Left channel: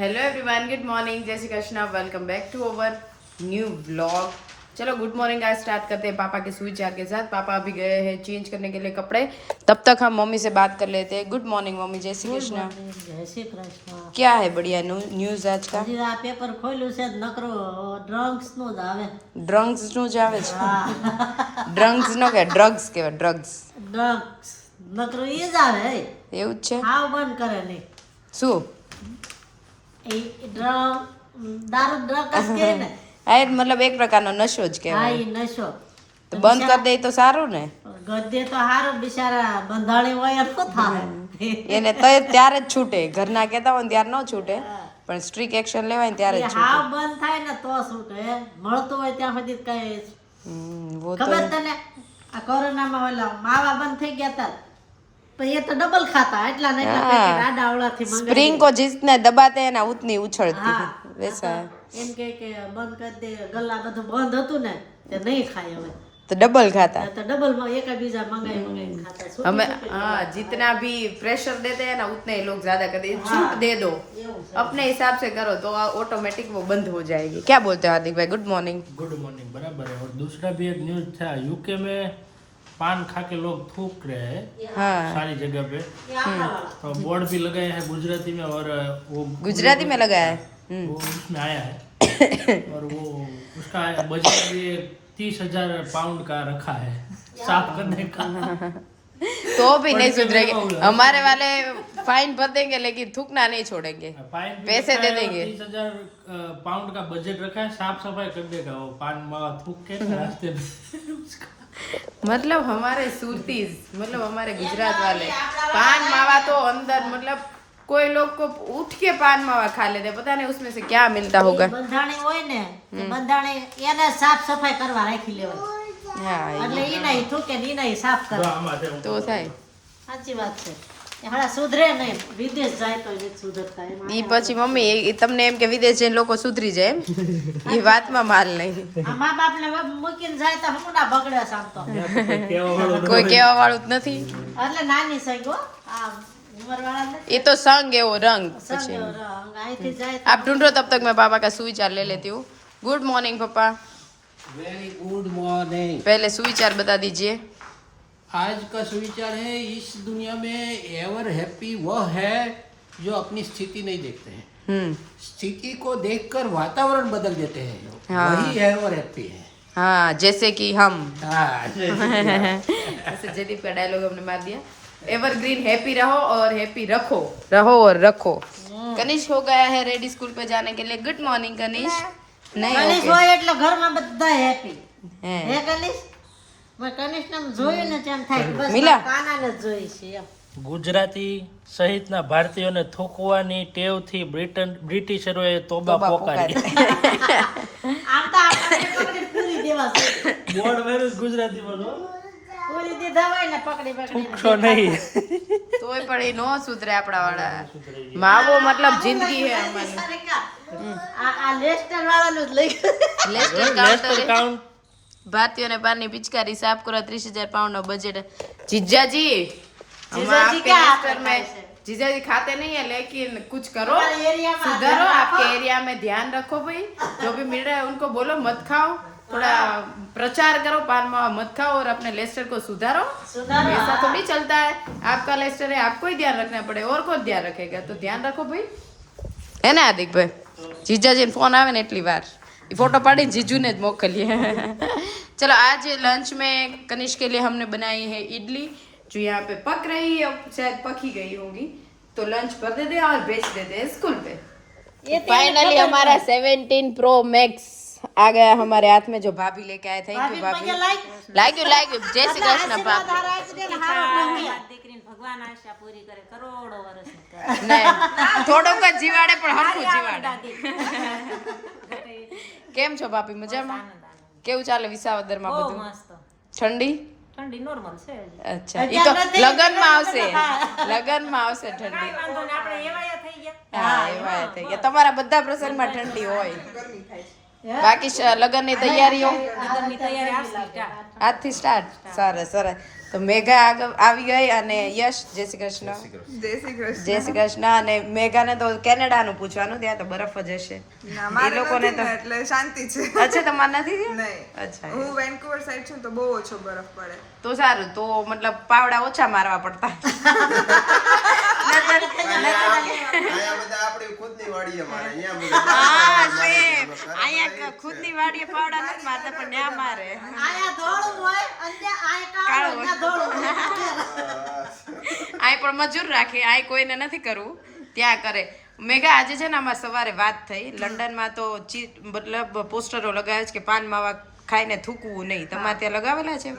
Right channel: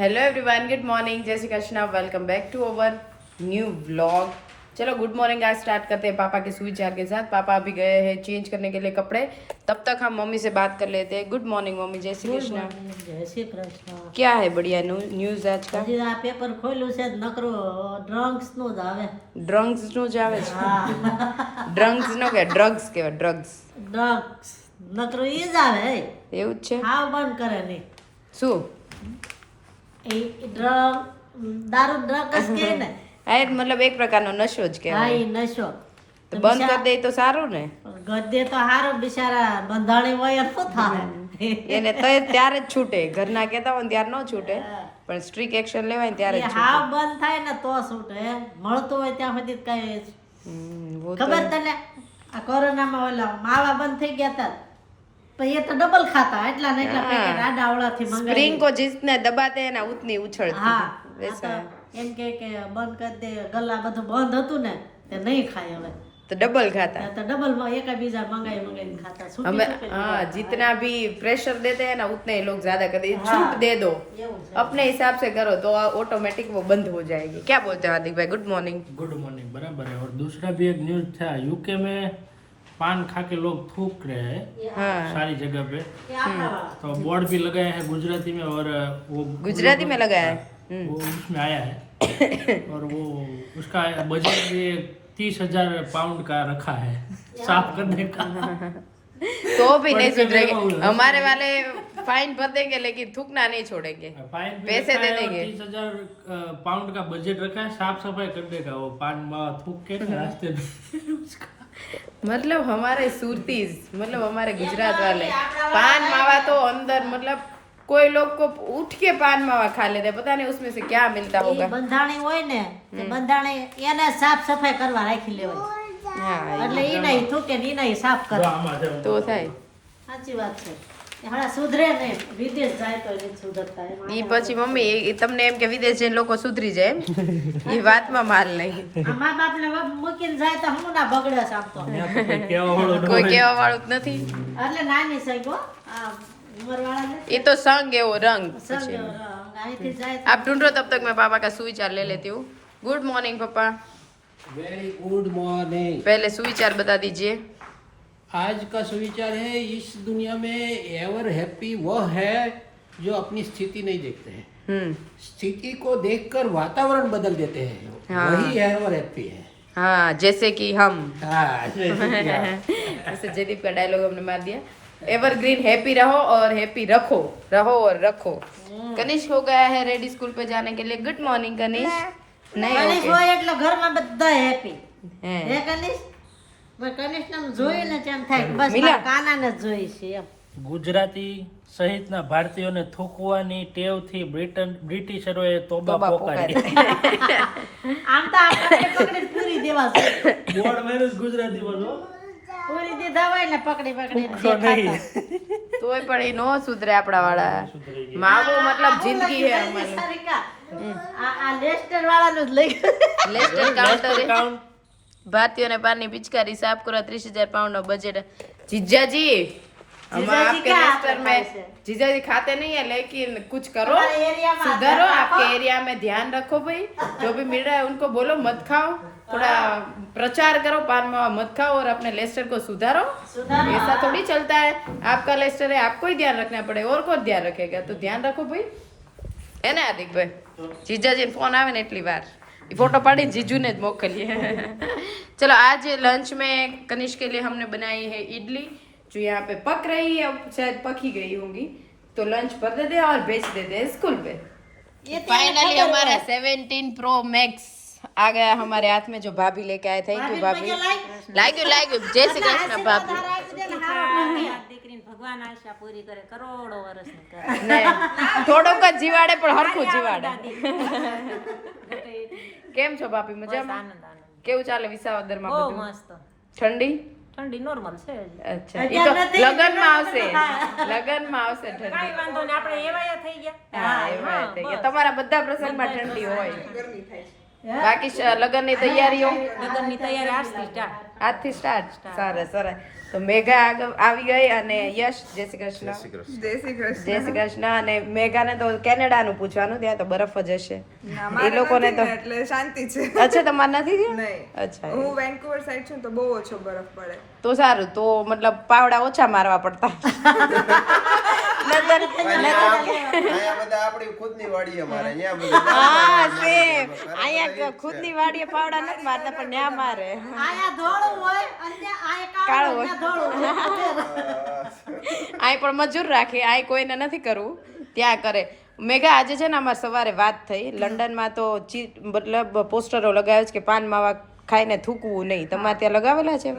Hello everyone, good morning, जय Shri Krishna. Welcome back to our new vlog. चलो good morning आज start करते हैं पापा के सुविचार के साथ। पापा अभी गए हैं चेंज करने के लिए कपड़े, तब तक हम मम्मी से बात कर लेते हैं। गुड मॉर्निंग मम्मी, जय श्री कृष्णा। जय श्री कृष्ण। क्या है बढ़िया न्यूઝ आज का? હજી આ પેપર ખોલ્યું છે નકરો ડ્રગ્સ નું જ આવે. ડ્રગ્સ નું જ આવે છે? હા, ડ્રગ્સ નો કે ડ્રગ્સ કહેવાય? ડ્રગ્સ ડ્રગ્સ નકરો ઈ જ આવે. એવું જ છે? હાવ બંધ કરે નહીં. શું એ ડ્રગ દારૂ ડ્રગ્સ કે ને. આ એ મતલબ એક પ્રકારનો નશો જ હા, કહેવાય. ઈ નશો. તો બંધ કરી દે તો સારું ને. ગદ્દે તો હારું, બિચારા બંધાણી હોય એમ શું થાય. એને તો ત્યારે જ છૂટે, ઘરના કહેતા હોય ને ત્યારે ન છૂટે, પણ સ્ટ્રિક્ટ એક્શન લેવાય ને ત્યારે જ એ છૂટે. હાવ બંધ થાય ને તો છૂટે. મળતું હોય ત્યાં સુધી કઈ वो तो ખબર તને આ કોરોનામાં ઓલા માવા બંધ થઈ ગયા હતા, પણ એ તો ડબલ ખાતા, એટલા ને એટલા પેકેટ આડાવડાથી મંગાવી. स्प्रिंग को जिसने दबाते हैं ना उतनी उछलती હા, है, वैसा है। એમ કે બંધ કરી દે, ગલ્લા બધું બંધ હતું ને તે નહીં ખાય હવે, तो डबल खाता તો डबल માં એક બીજા મંગાવી ખાતા. છૂટી हमें। છૂટી हाँ, जितना भी प्रेशर देते हैं ना उतने ही लोग ज्यादा करते हैं। छूट दे दो, अपने हिसाब से करो तो ऑटोमेटिक वो बंद हो जाएगी। क्या बोलते हो हार्दिक भाई? Good morning. गुड मॉर्निंग, बराबर है। और दूसरा भी एक न्यूज था, यूके में पान खा के लोग थूक रहे हैं हाँ, सारी जगह पे, तो बोर्ड भी लगाए हैं गुजराती में, और वो गुजराती में लगाया है। वो उसमें आया है और वो उसका बजट भी 30,000 पाउंड का रखा है साफ करने का। तो भी नहीं सुधरेंगे हमारे वाले, फाइन भर देंगे लेकिन थूकना नहीं छोड़ेंगे। फाइन भी पैसे रखा दे है और देंगे। 30,000 पाउंड का बजट रखा है, साफ सफाई कर देगा वो पान मावा थूक के रास्ते में। मतलब हमारे सुरतीज, मतलब हमारे गुजरात वाले पान मावा तो अंदर, मतलब कोई लोग को उठ के पान मावा खा लेते हैं, पता नहीं उसमें से क्या मिलता होगा। બંધાણી હોય ને તે બંધાણી એને સાફ સફાઈ કરવા રાખી લેવાય, हाँ, એટલે ઈ નહીં થૂકે ને ઈ નહીં સાફ કરે. तो થાય। સાચી વાત છે. એ હમણાં સુધરે નહીં, વિદેશ જાય તો નહીં સુધરતા. એમાં ઈ પછી મમ્મી એ તમને એમ કે વિદેશ જઈને લોકો સુધરી જાય એમ, એ વાતમાં માલ નહીં। આ મા બાપને મૂકીને જાય તો હમણાં ના બગડે છે આમ તો. કોઈ કહેવા વાળું જ નથી। એટલે નાની સહી ગો, આ ઉંમરવાળા નથી. ये तो संग है वो रंग। સંગ અહીંથી જાય તો आप ढूंढो, तब तक मैं पापा का सुविचार ले लेती हूँ। गुड मॉर्निंग पापा, वेरी गुड मॉर्निंग। पहले सुविचार बता दीजिए। आज का सुविचार है, इस दुनिया में एवर हैप्पी वह है जो अपनी स्थिति नहीं देखते हैं, स्थिति को देखकर वातावरण बदल देते हैं, हाँ। वही एवर हैप्पी है। हाँ, जैसे कि हम। हाँ, ऐसे जयदीप का डायलॉग हमने मार दिया। एवरग्रीन हैप्पी रहो और हैप्पी रखो, रहो और रखो। कनिष्क हो गया है रेडी स्कूल पे जाने के लिए। Good morning Kanishk. नहीं કનિષ ओके હોય એટલે ઘરમાં બધા હેપી. हैं। હે કનિષ? મેં કનિષને આમ જોયું ને તેમ થાય કે બસ મિલા. કાનાને જ જોઈ છે એમ. ગુજરાતી સહિતના ભારતીયોને થૂકવાની ટેવથી બ્રિટિશરોએ તોબા तोबा પોકારી। આમ તો આપણે પકડી પૂરી દેવા છે. બોર્ડ મેરેજ ગુજરાતીમાં જો પૂરી દીધા હોય ને પકડી થૂકશો નહીં। તોય પણ એ નો સુધરે આપણા વાળા। માવો मतलब जिंदगी है हमारी। આ લેસ્ટર વાળાનું જ લઈ लेस्टर काउंटर है। કાઉન્ટ भारतीयों ने पानी पिचकारी साफ करो, 30,000 पाउंड नो बजट। जीजा जी, हम जीजा जी आपके क्या लेस्टर आपका में, पैसे? जीजा जी खाते नहीं है लेकिन कुछ करो, हमारे एरिया में सुधारो, ध्यान आपके एरिया में ध्यान रखो भाई। जो भी मिल रहा है उनको बोलो मत खाओ, थोड़ा प्रचार करो, पान मावा मत खाओ और अपने लेस्टर को सुधारो। सुधारो। ऐसा थोड़ी चलता है, आपका लेस्टर है, आपको ही ध्यान रखना पड़े, और कौन ध्यान रखेगा? तो ध्यान रखो भाई, है ना हार्दिक भाई? जीजाजी फोन आवे ने એટલી વાર फोटो पाड़ी जीजू ने मोकलिए। चलो आज लंच में कनिष्क के लिए हमने बनाई है इडली, जो यहाँ पे पक रही है, अब शायद पक ही गई होंगी, तो लंच भर देते हैं और बेच देते हैं स्कूल पे। फाइनली हमारा 17 प्रो मैक्स आ गया हमारे हाथ में, जो भाभी लेके आए। थैंक यू भाभी। लाइक यू जय श्री कृष्ण भाभी। ભગવાન આશા પૂરી કરે, કરોડો વર્ષની કરે. नहीं, थोड़ो का जीवाड़े पर हरखू जीवाड़े। કેમ છો ભાભી? મજામાં? આનંદ આનંદ. કેવું ચાલે વિસાવદરમાં બહુ બધું? મસ્ત. ઠંડી? ઠંડી નોર્મલ છે હજી. અચ્છા, ઈ તો લગનમાં આવશે, લગનમાં આવશે ઠંડી। કાંઈ વાંધો નહીં, આપણે એવાયા થઈ ગયા. હા, એવા થઈ ગયા। તમારા બધા પ્રસંગમાં ઠંડી હોય। બાકી લગ્નની તૈયારીઓ લગ્નની તૈયારી આજથી સ્ટાર્ટ. આજથી સ્ટાર્ટ. સરસ સરસ. તો મેઘા આગળ આવી ગઈ અને યશ જય શ્રી કૃષ્ણ. જય શ્રી કૃષ્ણ. અને મેઘાને તો કેનેડાનું પૂછવાનું, ત્યાં તો બરફ જ હશે. એ લોકોને તો એટલે શાંતિ છે. અચ્છા તમારે નથી થયું? નહીં. અચ્છા હું વેન્કુવર સાઈડ છું તો બહુ ઓછો બરફ પડે. તો સારું. તો મતલબ પાવડા ઓછા મારવા પડતા. નતર અહીંયા બધા આપણી ખુદની વાડી અમારે અહીંયા બધું હા સેમ. અહીંયા ખુદની વાડીએ પાવડા નથી મારતા પણ ન્યા મારે. આયા ધોળું હોય અને આયા કાળું કાળું હોય. હોય, ધોળું. અહીં પણ મજૂર રાખે, અહીં કોઈને નથી કરવું, ત્યાં કરે. મેઘા આજે છે ને અમારે સવારે વાત થઈ, લંડનમાં તો મતલબ પોસ્ટરો લગાવે છે કે પાન માવા ખાઈને થૂકવું નહીં. તમારે ત્યાં લગાવેલા છે?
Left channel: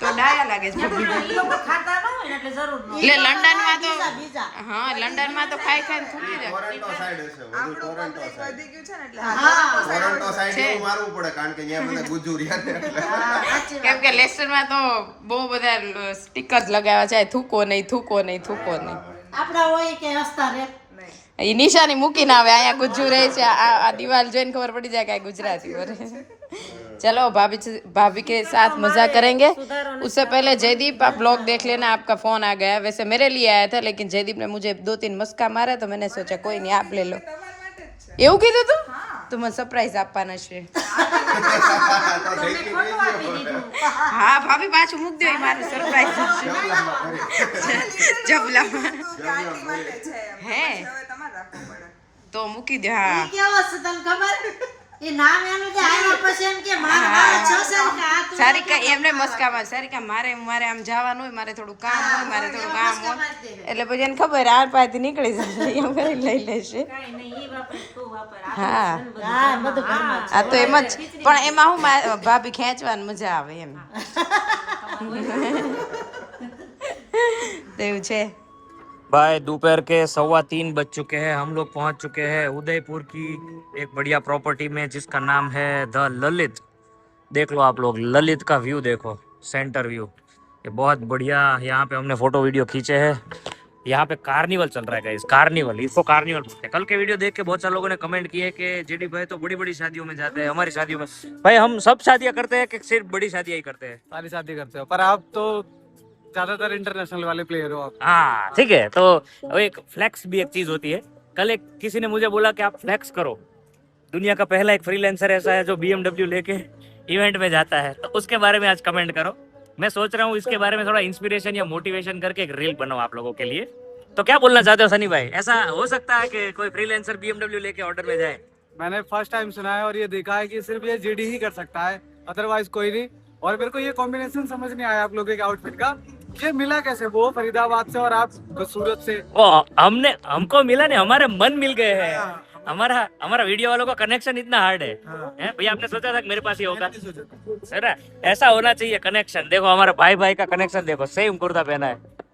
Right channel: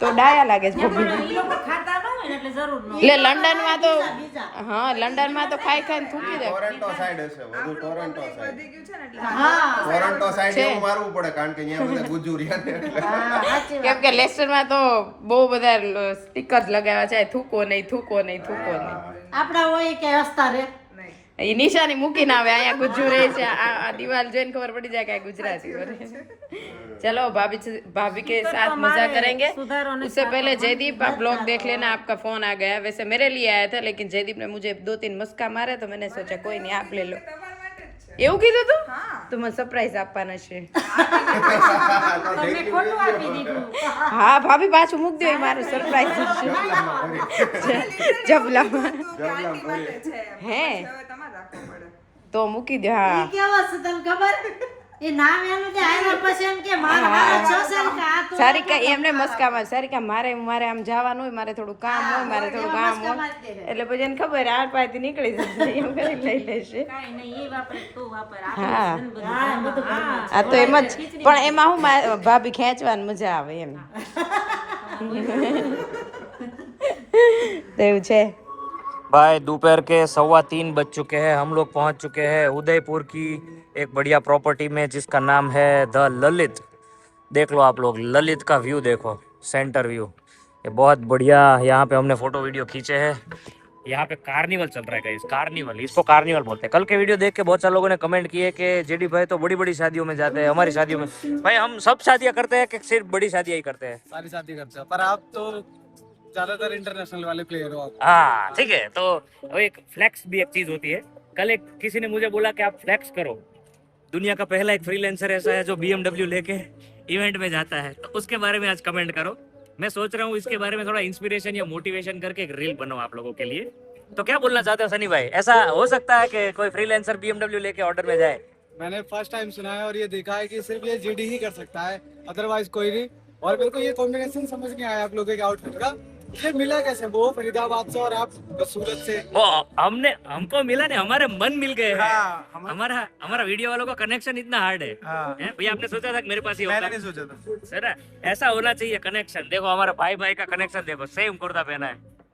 તો ડાયા લાગે છે. ઈ લોકો ખાતા ન હોય ને એટલે જરૂર ન હોય. એટલે લંડનમાં તો હા લંડનમાં તો ખાઈ ખાઈને થૂકી દે. ટોરન્ટો સાઈડ હશે, વધુ ટોરન્ટો સાઈડ. વધી ગયું છે ને એટલે ટોરન્ટો સાઈડ એવું મારવું પડે કારણ કે અહીંયા બધા ગુજુરિયા ને એટલે કેમ કે લેસ્ટરમાં તો બહુ બધા સ્ટીકર્સ લગાવ્યા છે, થૂકો નહીં, થૂકો નહીં, થૂકો નહીં. આપણા હોય કે હસતા રે. એ નિશાની મૂકીને આવે, અહીંયા ગુજ્જુ રહે છે. આ દિવાલ જોઈને ખબર પડી જાય કે આ ગુજરાતી બોલે. चलो भाभी के साथ मजा करेंगे. उससे पहले जयदीप आप ब्लॉग देख लेना, आपका फोन आ गया. वैसे मेरे लिए आया था लेकिन जयदीप ने मुझे 2-3 मस्का मारा तो मैंने सोचा कोई नहीं आप ले लो. એવું કીધું તું? તો મને સરપ્રાઈઝ આપવાના છે. ખોટું આપી દીધું. હા ભાભી પાછું મૂક દો, એ મારું સરપ્રાઈઝ છે. જબલામાં ગાંધી માટે છે એમ. હે હવે તમારે રાખવું પડે. તો મૂકી દો. હા ઈ કેવો છે તને ખબર? એ નામ એનું જે આવ્યા પછી એમ કે મારા વાળ છે કે આ તો સારિકા એમને મસ્કામાં, સારિકા મારે આમ જવાનું હોય, મારે થોડું કામ હોય, મારે થોડું કામ હોય, એટલે પછી એને ખબર આ પાસેથી નીકળી જશે, એમ કરીને લઈ લેશે. કાંઈ નહીં, ઈ વાપરે તું વાપર. હા. આપણે બધું ઘરમાં. આ તો એમ જ, પણ એમાં હું ભાભી ખેંચવાની મજા આવે એમ. તો એવું છે. भाई दोपहर के 3:15 बज चुके हैं. हम लोग पहुंच चुके हैं उदयपुर की एक बढ़िया प्रॉपर्टी में जिसका नाम है द ललित. देख लो आप लोग, ललित का व्यू देखो, सेंटर व्यू. ये बहुत बढ़िया. यहाँ पे हमने फोटो वीडियो खींचे हैं. यहाँ पे कार्निवल चल रहा है गाइस, कार्निवल, इसको कार्निवल बोलते हैं. कल के वीडियो देख के बहुत सारे लोगों ने कमेंट किए कि जेडी भाई तो बड़ी बड़ी शादियों में जाते हैं, हमारी शादियों में. भाई हम सब शादियाँ करते हैं कि सिर्फ बड़ी शादियाँ ही करते हैं? सारी शादी करते हो, पर आप तो ज्यादातर इंटरनेशनल वाले प्लेयर हो आप. हाँ ठीक है. तो एक फ्लैक्स भी एक चीज होती है. कल एक किसी ने मुझे बोला कि आप फ्लैक्स करो. दुनिया का पहला एक फ्रीलांसर ऐसा है जो BMW लेके इवेंट में जाता है, तो उसके बारे में आज कमेंट करो. मैं सोच रहा हूँ इसके बारे में थोड़ा इंस्पिरेशन या मोटिवेशन करके एक रील बनाऊं आप लोगों के लिए. तो क्या बोलना चाहते हो सनी भाई? ऐसा हो सकता है कि कोई फ्रीलांसर BMW लेके ऑर्डर में जाए? मैंने फर्स्ट टाइम सुना है और ये देखा है कि सिर्फ ये जेडी ही कर सकता है, अदरवाइज कोई नहीं. और मेरे को ये कॉम्बिनेशन समझ नहीं आया आप लोगों के आउटफिट का. ये मिला कैसे? वो फरीदाबाद से और आप सूरत से. वो हमको मिला नहीं, हमारे मन मिल गए हैं. हाँ, हमारा वीडियो वालों का कनेक्शन इतना हार्ड है. हाँ. हैं? भैया आपने सोचा था कि मेरे पास ही मैंने होगा? नहीं सोचा था. है ना, ऐसा होना चाहिए कनेक्शन. देखो हमारे भाई भाई का कनेक्शन देखो, सेम कुर्ता पहना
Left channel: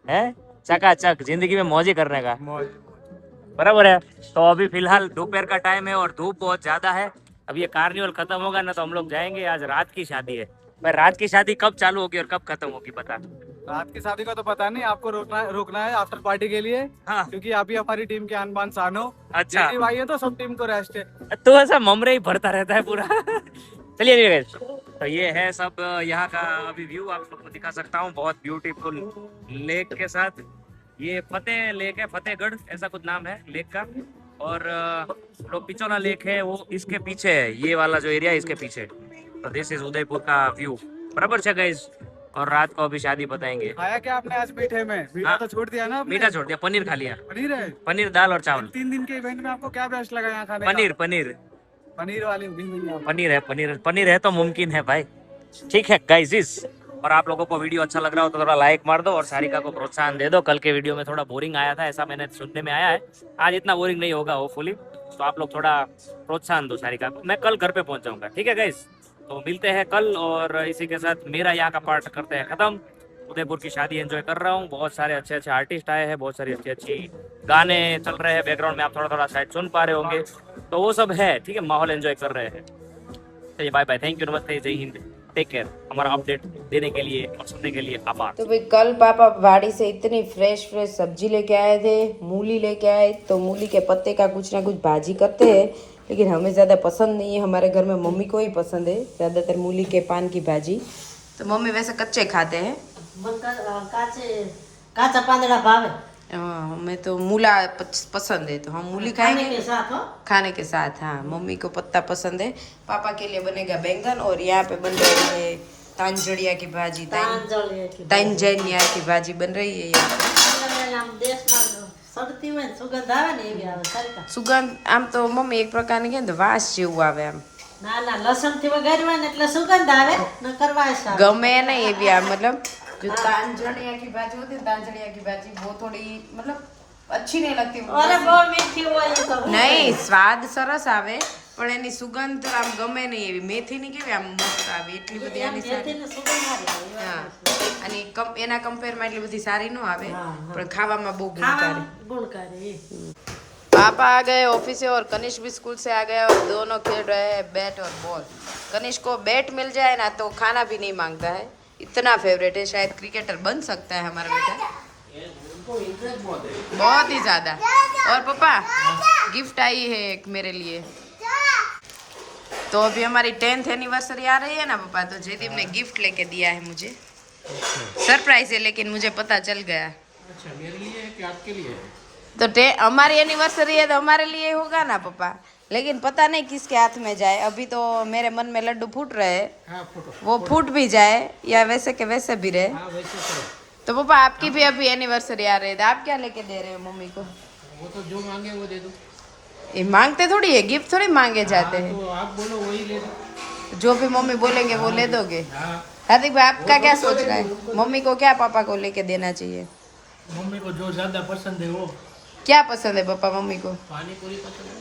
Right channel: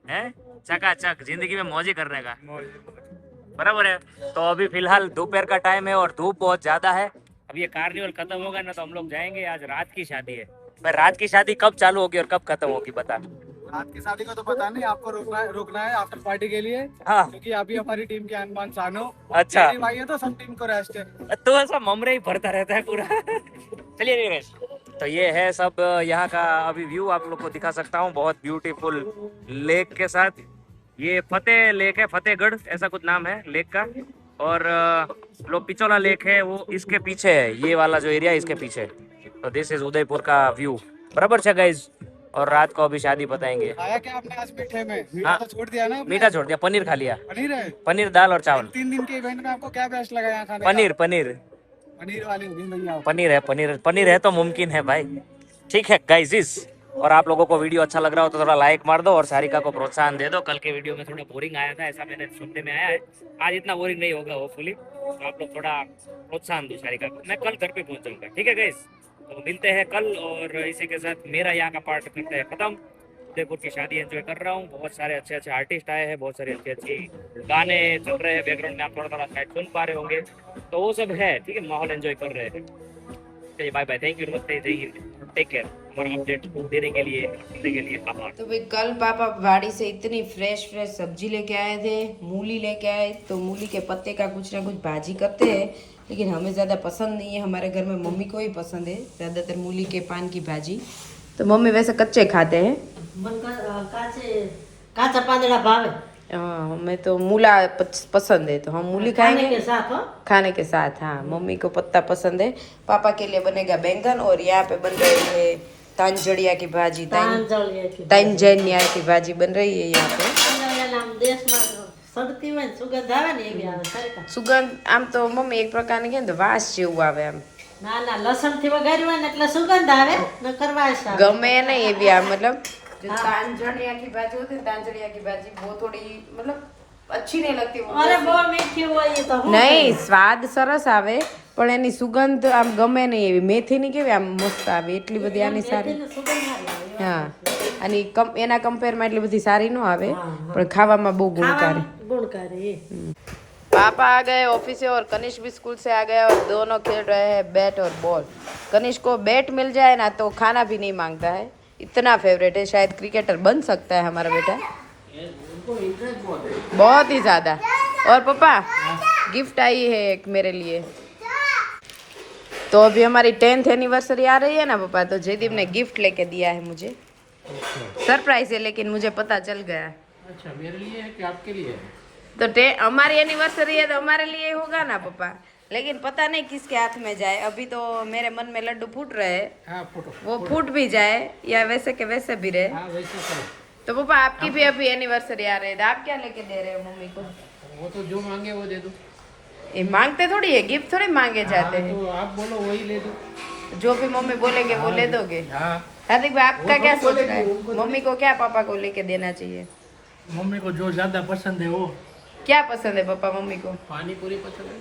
है चकाचक, जिंदगी में मौज ही करने का. बराबर है. तो अभी फिलहाल दोपहर का टाइम है और धूप बहुत ज्यादा है. अब ये कार्निवल खत्म होगा ना तो हम लोग जाएंगे. आज रात की शादी है. भाई रात की शादी कब चालू होगी और कब खत्म होगी बता. रात की शादी का तो पता नहीं, आपको रोकना है आफ्टर पार्टी के लिए. हाँ. क्योंकि आप ही हमारी टीम के आन बान शान हो. अच्छा. जेडी भाई है तो सब टीम को रेस्ट है. तो ऐसा ममरे ही भरता रहता है पूरा. चलिए guys, तो ये है सब यहाँ का अभी व्यू आप लोग को दिखा सकता हूँ. बहुत ब्यूटीफुल लेक के साथ. ये फतेह लेक है, फतेहगढ़ ऐसा कुछ नाम है लेक का. और पिचोला लेक है वो इसके पीछे है, ये वाला जो एरिया है इसके पीछे. तो दिस इज उदयपुर का व्यू. बराबर है गाइज. और रात को अभी शादी बताएंगे. खाया क्या आपने आज मीठे में? मीठा हाँ. तो छोड़ दिया ना आपने? मीठा छोड़ दिया, पनीर खा लिया. पनीर है. पनीर दाल और चावल. 3 दिन के इवेंट में आपको क्या बेस्ट लगा यहाँ खाने पनीर का? पनीर पनीर वाली भी नहीं है. पनीर है तो मुमकिन है भाई. ठीक है गाइस. और आप लोगों को वीडियो अच्छा लग रहा हो तो थोड़ा लाइक मार दो और सारिका को प्रोत्साहन दे दो. कल के वीडियो में थोड़ा बोरिंग आया था, ऐसा मैंने सुनने में आया है. आज इतना बोरिंग नहीं होगा होपफुली. तो आप लोग थोड़ा प्रोत्साहन दो सारिका को. मैं कल घर पे पहुंच जाऊंगा. ठीक है गाइस. तो मिलते हैं कल. और इसी के साथ मेरा यहाँ का पार्ट करते हैं खत्म. उदयपुर की शादी एंजॉय कर रहा हूँ. बहुत सारे अच्छे अच्छे आर्टिस्ट आए हैं, बहुत सारी अच्छी गाने चल रहे हैं बैकग्राउंड में, आप थोड़ा थोड़ा शायद सुन पा रहे होंगे. तो वो सब है. ठीक है, माहौल एंजॉय कर रहे हैं. चलिए बाय बाय, थैंक यू, नमस्ते, जय हिंद, टेक केयर. हमारा अपडेट देने के लिए और सुनने के लिए आभार। तो भाई कल पापा वाड़ी से इतनी फ्रेश फ्रेश सब्जी लेके आए थे, मूली लेके आए, तो मूली के पत्ते का कुछ ना कुछ भाजी करते हैं, लेकिन हमें ज़्यादा पसंद नहीं है। हमारे घर में मम्मी को ही पसंद है ज़्यादातर मूली के पान की भाजी। तो मम्मी वैसे कच्चे खाते हैं, काचा પાંદડા ભાવે हाँ, हमें तो मूला पसंद है, तो हम मूली ખાને खाएंगे કે साथ हो खाने के साथ। हाँ, मम्मी को पत्ता पसंद है। पापा के लिए बनेगा बैंगन और यहाँ पे बन रही है तांजड़िया की भाजी, પાંજળિયા की तांजनिया की भाजी बन रही है यहाँ पे। દેશમાં સડતી હોય ને સુગંધ આવે ને એવી આવે સારી સુગંધ આમ તો મમ્મી એક પ્રકારની કે ને વાસ જેવું આવે આમ, ના ના લસણ થી વઘાર્યું હોય ને એટલે સુગંધ આવે ન કરવા આવે ગમે नहीं ये भी आप मतलब जो तांजड़िया की भाजी होती है, तांजड़िया की भाजी वो थोड़ी मतलब अच्छी नहीं लगती। અરે બહુ મીઠી હોય એ તો नहीं स्वाद सरस આવે પણ એની સુગંધ આમ ગમે નહીં એવી મેથીની કેવી આમ મસ્ત આવે એટલી બધી આની સારી। મેથીની સુગંધ સારી આવે હા, અને એના કમ્પેરમાં એટલી બધી સારી ન આવે પણ ખાવામાં બહુ ગુણકારી। ખાવામાં ગુણકારી पापा आ गए ऑफिस से और कनिष्क भी स्कूल से आ गया और दोनों खेल रहे हैं बैट और बॉल। कनिष्क को बैट मिल जाए ना तो खाना भी नहीं मांगता है, इतना फेवरेट है, शायद क्रिकेटर बन सकता है हमारा बेटा, बहुत ही ज्यादा। और पापा गिफ्ट आई है एक मेरे लिए, तो अभी हमारी 10th एनिवर्सरी आ रही है ना पापा, तो जयदीप ने गिफ्ट लेके दिया है मुझे, सरप्राइज है लेकिन मुझे पता चल गया। अच्छा, मेरे लिए है कि आपके लिए है? तो हमारी एनिवर्सरी है तो हमारे लिए होगा ना पापा, लेकिन पता नहीं किसके हाथ में जाए। अभी तो मेरे मन में लड्डू फूट रहे हैं, हाँ, फोटो वो फूट भी जाए या वैसे के वैसे भी रहे। हाँ, वैसा करो। तो पापा आपकी भी अभी एनिवर्सरी आ रही है, तो आप क्या लेके दे रहे हो मम्मी को? वो तो जो मांगे वो दे दो। ये मांगते थोड़ी है, गिफ्ट थोड़ी मांगे जाते हाँ, हैं, तो आप बोलो वही ले दो। जो भी मम्मी बोलेंगे वो ले दोगे। हाँ, हार्दिक भाई आपका क्या सोच रहा है, मम्मी को क्या पापा को लेके देना चाहिए? मम्मी को जो ज्यादा पसंद है वो। क्या पसंद है पापा मम्मी को? पानी पूरी पसंद है।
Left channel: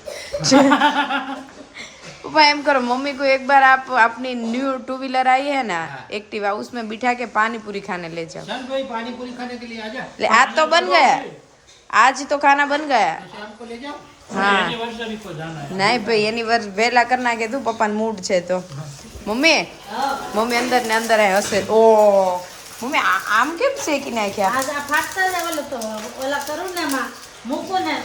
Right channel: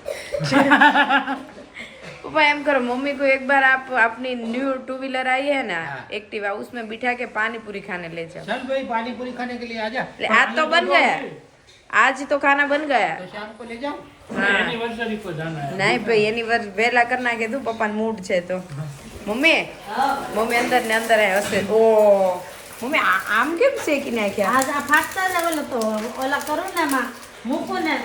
पापा एम करो, मम्मी को एक बार आप अपनी न्यू 2 व्हीलर आई है ना एक्टिवा, उसमें बिठा के पानी पूरी खाने ले जाओ। चल भाई, पानी पूरी खाने के लिए आजा। आज तो बन गया, आज तो खाना बन गया। तो शाम को ले जाओ। हाँ एनिवर्सरी को जाना है। नहीं भाई एनिवर्सरी वेला करना के तू पप्पा मूड छे तो मम्मी मम्मी अंदर ने अंदर है हसे ओ मम्मी आम केम શેકી નાખ્યા? આજ આ ફાટતા જ બોલું તો ઓલા કરું ને માં મૂકું ને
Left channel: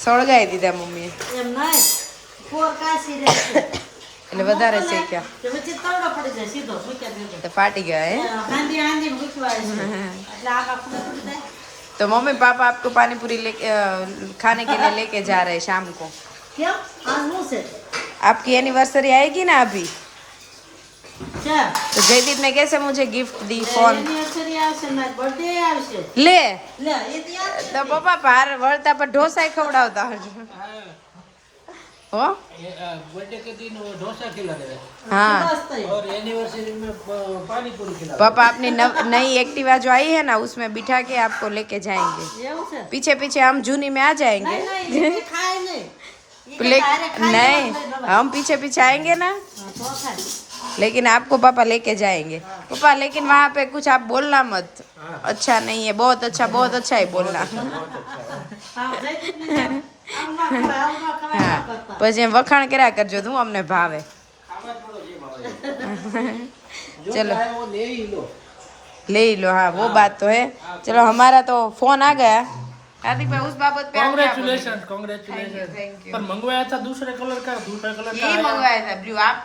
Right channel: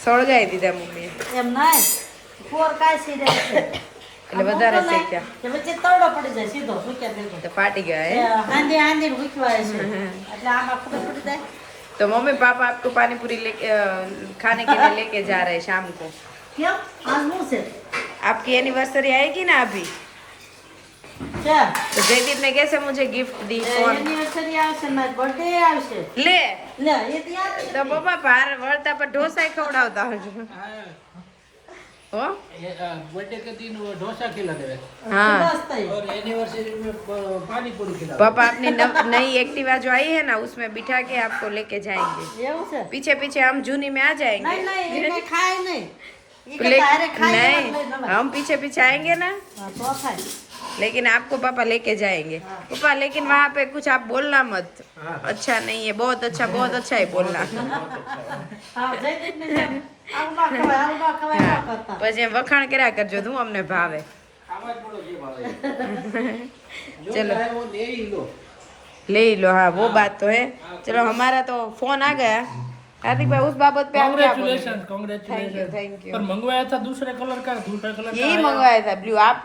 સળગાઈ દીધા મમ્મી, એમ નહીં પોર કાસી દે એટલે વધારે શેક્યા તો વચ્ચે તવડો પડી જાય સીધો મૂક્યા દેજો તો ફાટી ગયા હે। હાંડી હાંડી મૂકવા છે એટલે આમાં ખબર પડી જાય। तो मम्मी पापा आपको पानी पूरी लेके खाने के लिए लेके जा रहे हैं शाम को। કેમ આજ હું છે आपकी एनिवर्सरी आएगी ना अभी, છે तो जयदीप ने कैसे मुझे गिफ्ट दी फोन એનિવર્સરી આવશે મારી બર્થડે આવશે ले, લે એ તો યાદ तो पापा बाहर वळता पर ढोसा खवડાવતા હજો हो। बर्थडे के दिन वो डोसा खिला देवे हाँ और एनिवर्सरी में पानी पूरी खिला पापा अपनी नई एक्टिवा जो आई है ना उसमें बिठा के आपको लेके जाएंगे, એવું છે पीछे पीछे हम जूनी में आ जाएंगे। નહીં નહીં એ ખાય નહીં એ ले, તારે ખાઈ नहीं हम पीछे पीछे आएंगे ना, તો ખાય लेकिन आपको पापा लेके जाएंगे। पापा लेकिन वहाँ पे कुछ आप बोलना मत, अच्छा नहीं है, बहुत अच्छा ही बोलना। હા જઈ જ નહીં આવું ના ખવાય આવું ના ખવાય ના કરતા પછી એમ વખાણ કર્યા કરજો તું અમને ભાવે। खावा पड़ो जे भावे जो चलो चाहे वो ले ही लो। ले ही लो, हाँ वो बात तो है। चलो हमारा तो फोन आ गया। हार्दिक भाई उस बाबत पे आप क्या बोलोगे? Congratulation congratulation. Thank you. पर मंगवाया था दूसरे कलर का, दूसरे कलर का यही मंगवाया था ब्लू। आप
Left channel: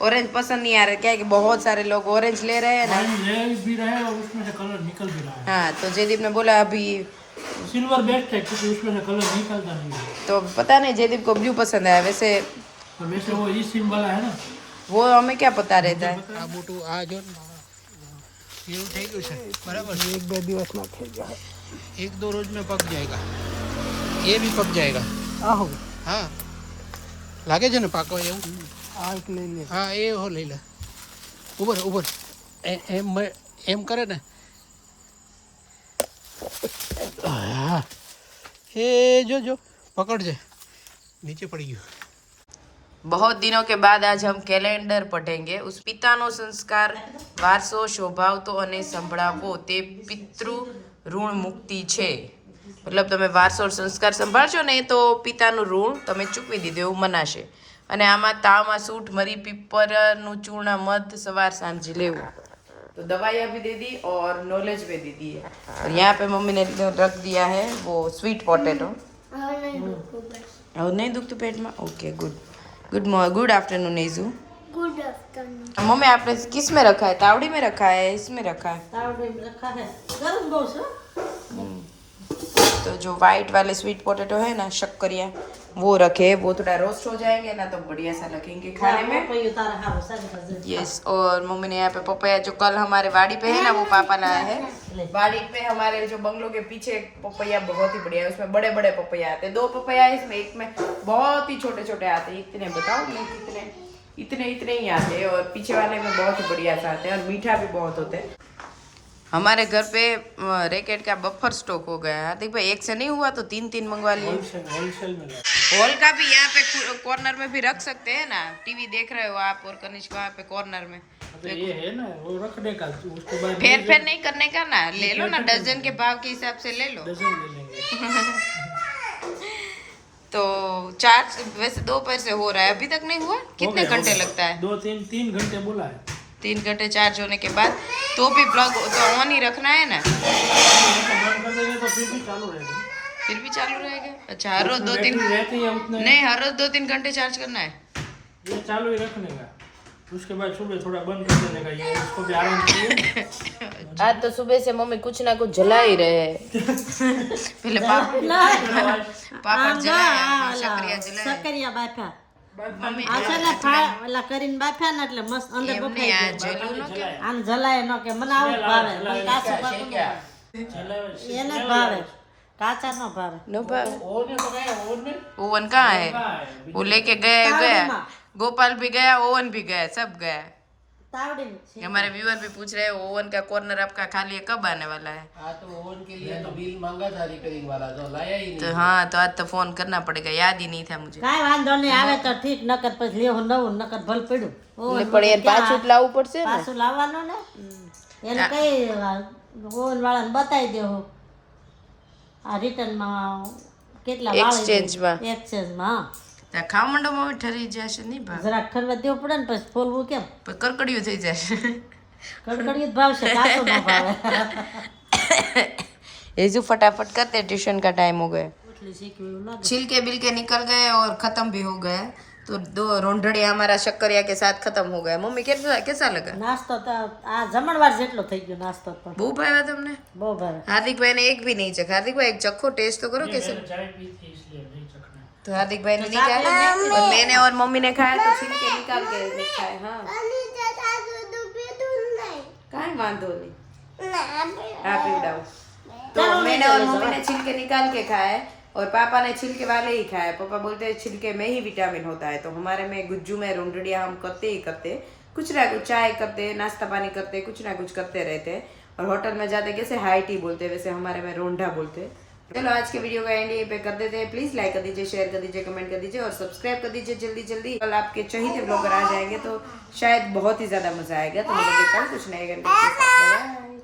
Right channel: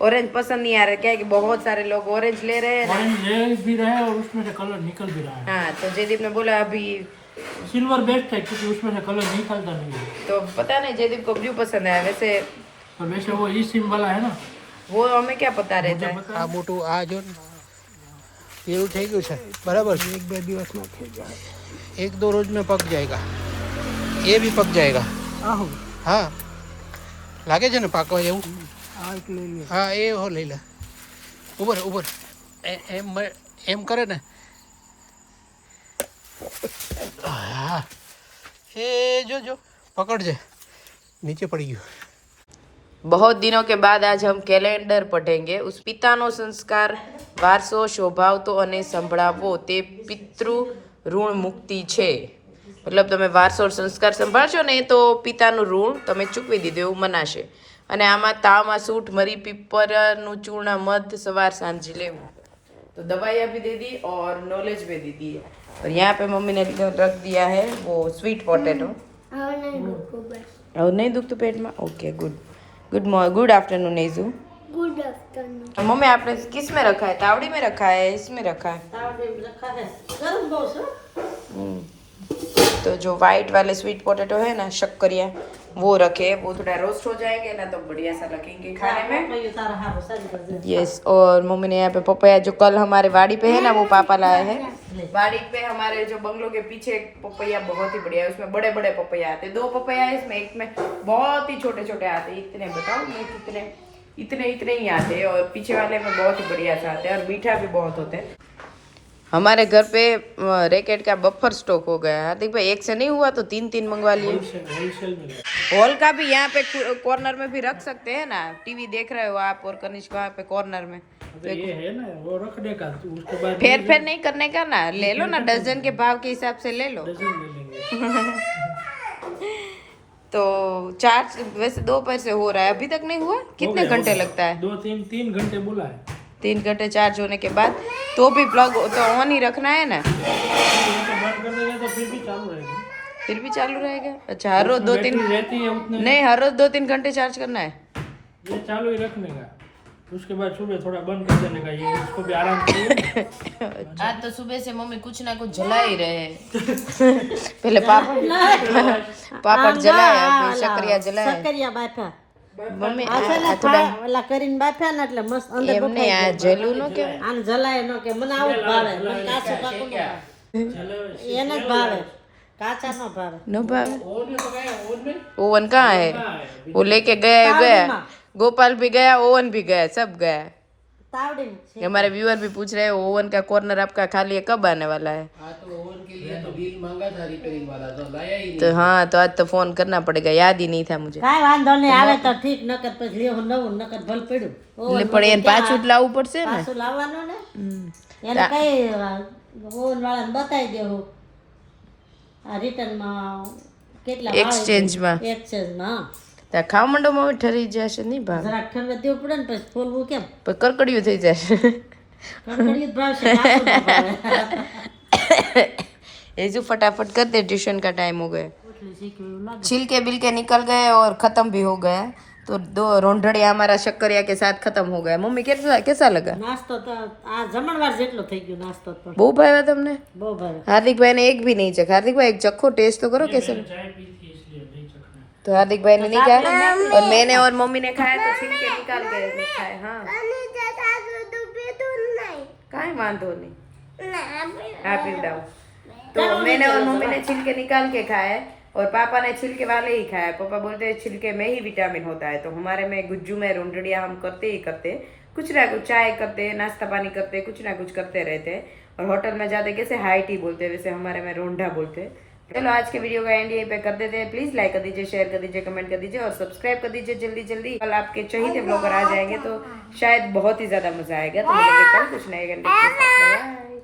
ऑरेंज पसंद नहीं आ रहा क्या? कि बहुत सारे लोग ऑरेंज ले रहे हैं ना। ऑरेंज ले भी रहे हैं और उसमें से कलर निकल भी रहा है। हाँ तो जयदीप ने बोला अभी सिल्वर बेस्ट है क्योंकि उसमें से कलर निकलता नहीं है। तो पता नहीं जयदीप को ब्लू पसंद है, वैसे और वैसे वो ई सिम वाला है ना, वो हमें क्या पता रहता है। આ મોટું આ જો એવું થઈ ગયું છે બરાબર છે, 1-2 દિવસમાં થઈ જાય, 1-2 રોજ में पक जाएगा, ये भी पक जाएगा। हाँ લાગે છે ને પાકવા જેવું। આ એક લઈ લે, હા એ હો લઈ લે, ઉપર ઉપર એમ કરે ને, હા એ જો જો પકડજે, નીચે પડી ગયું। बहुत दिनों के बाद आज हम कैलेंडर पढ़ेंगे। उस पितानो संस्कार वारसो शोभावतो अने संभळावो ते पितृ ऋण मुक्ति छे। मतलब તમે વારસો સંસ્કાર સંભાળશો ને તો પિતાનું ઋણ તમે ચૂકવી દીધું એવું મનાશે। અને આમાં તાવમાં સૂટ મરી पीपर चूर्ण मध सवार सांझ लेवो। तो दवाइयाँ भी दे दी और नॉलेज भी दे दी है। और यहाँ पे मम्मी ने रख दिया है वो स्वीट पोटैटो। और नहीं दुखતું पेट में? ओके गुड गुड आफ्टरनून नेजू। Good afternoon. मम्मी आपने किस में रखा है? तावड़ी में रखा है, इसमें रखा है? તાવડી રખા છે ગરમ બહુ છે। तो जो वाइट वाले स्वीट पोटैटो है ना शक्करिया वो रखे, वो थोड़ा रोस्ट हो जाएंगे ना तो बढ़िया सा लगेंगे खाने में। પપૈયું તારા હારું સારી કરજે। यस। और मम्मी ने यहाँ पे पपैया जो कल हमारे वाड़ी पे है ना वो पापा लाए हैं। वाड़ी पे हमारे जो बंगलों के पीछे एक पपैया बहुत ही बढ़िया है, उसमें बड़े बड़े पपैया आते हैं। 2 पपैया है इसमें, एक में बहुत ही छोटे छोटे आते हैं। इतने बताओ मैं कितने इतने ही आते हैं, और पीछे वाले में बहुत ही बढ़िया से आते हैं और मीठा भी बहुत होते हैं। हमारे घर पे रैकेट का बफर स्टॉक हो गया है। हार्दिक भाई एक से नहीं हुआ तो 3 मंगवा लिए। होलसेल में हॉल का भी यहाँ पे कॉर्नर में भी रख सकते हैं ना। टीवी देख रहे हो आप और कनिष्क वहाँ पे कॉर्नर में। तो ये है ना वो रखने का, तो उसके बाद फेर फेर नहीं करने का ना, ले लो ना डजन के भाव के हिसाब से ले लो। डजन ले लेंगे। तो चार्ज वैसे दोपहर से हो रहा है, अभी तक नहीं हुआ? कितने घंटे लगता है? 2-3 घंटे बोला है। 3 घंटे चार्ज होने के बाद तो भी प्लग तो ऑन ही रखना है ना, बंद कर देंगे तो फिर भी चालू रहेगा। फिर भी चालू रहेगा। अच्छा हर रोज 2-3 बैटरी रहती है उतना, नहीं, हर रोज 2-3 घंटे चार्ज करना है। ये चालू ही रखने का, उसके बाद सुबह थोड़ा बंद कर देने का। ये इसको भी आराम चाहिए। आज तो सुबह से मम्मी कुछ ना कुछ जला ही रहे हैं। पहले पापड़ जलाया, फिर शक्करिया जलाया। સકરિયા બાફ્યા મમ્મી આ છે ને ઓલા કરીને બાફ્યા ને એટલે મસ્ત અંદર એમને આ જલું નો કે આને જલાય ન કે મને આવું જ ભાવે, મને કાચું પાકું ન ભાવે, એને જ ભાવે, કાચા ન ભાવે। ओवन कहाँ है? वो लेके गया, गोपाल भी गया, ओवन भी गया, सब गया। તાવડીમાં हमारे व्यूअर भी पूछ रहे हैं ओवन का कॉर्नर आपका खाली है, कब आने वाला है? तो हाँ, तो आज तो फोन करना पड़ेगा, याद ही नहीं था मुझे। કાંઈ વાંધો નહીં, આવે તો ઠીક, નકર પછી લેવું નવું, નકર ભલ પડ્યું। ઓવન પણ એને પાછું જ લાવવું પડશે ને? પાછું લાવવાનું ને, એને કઈ ઓવન વાળાને બતાવી દેવું આ રિટર્નમાં કેટલા એક્સચેન્જમાં એક્સચેન્જમાં। ત્યાં ખાવા માંડો માં ઠરી જશે નહીં ભાવ? જરાક ઠરવા દેવું પડે ને, પછી ફોલવું કેમ? પછી કરકડિયું થઈ જશે। કડકડિયું જ ભાવશે, કાચું ન ભાવે। येजू फटाफट करते, ट्यूशन का टाइम हो गया। એટલી શીખવું એવું લાગે। छिलके बिलके निकल गए और खत्म भी हो गया, तो 2 रोंढड़िया हमारा शक्करिया के साथ खत्म हो गया। मम्मी कैसा लगा? નાસ્તો તો આ જમણવાર જેટલો થઈ ગયો નાસ્તો તો બહુ ભાવ્યા તમને? બહુ ભાવે। हार्दिक भाई ने एक भी नहीं चखा। हार्दिक भाई एक चखो, टेस्ट तो करो कैसे। चाय पी थी इसलिए नहीं चखना। तो हार्दिक भाई ने नहीं खाया और मैंने और मम्मी ने खाया तो छिलके निकाल के खाए। हाँ काहे वांधो नहीं, हाँ पीवड़ाओ। तो मैंने और मम्मी ने छिलके निकाल के खाए और पापा ने छिलके वाले ही खाए। पापा बोलते हैं छिलके में ही विटामिन होता है। तो हमारे में गुज्जू में रोंढड़िया हम करते ही करते, कुछ ना कुछ चाय करते, नाश्ता पानी करते, कुछ ना कुछ करते रहते हैं। और होटल में जाते कैसे हाई टी बोलते हैं, वैसे हमारे में रोंढा बोलते हैं। चलो आज के वीडियो का एंड यहीं पे कर देते हैं। प्लीज लाइक कर दीजिए, शेयर कर दीजिए, कमेंट कर दीजिए और सब्सक्राइब कर दीजिए जल्दी जल्दी। कल आपके चहीते ब्लॉगर आ जाएंगे तो शायद बहुत ही ज्यादा मजा आएगा। तो मिलेंगे कल कुछ नए घंटे के साथ। बाय।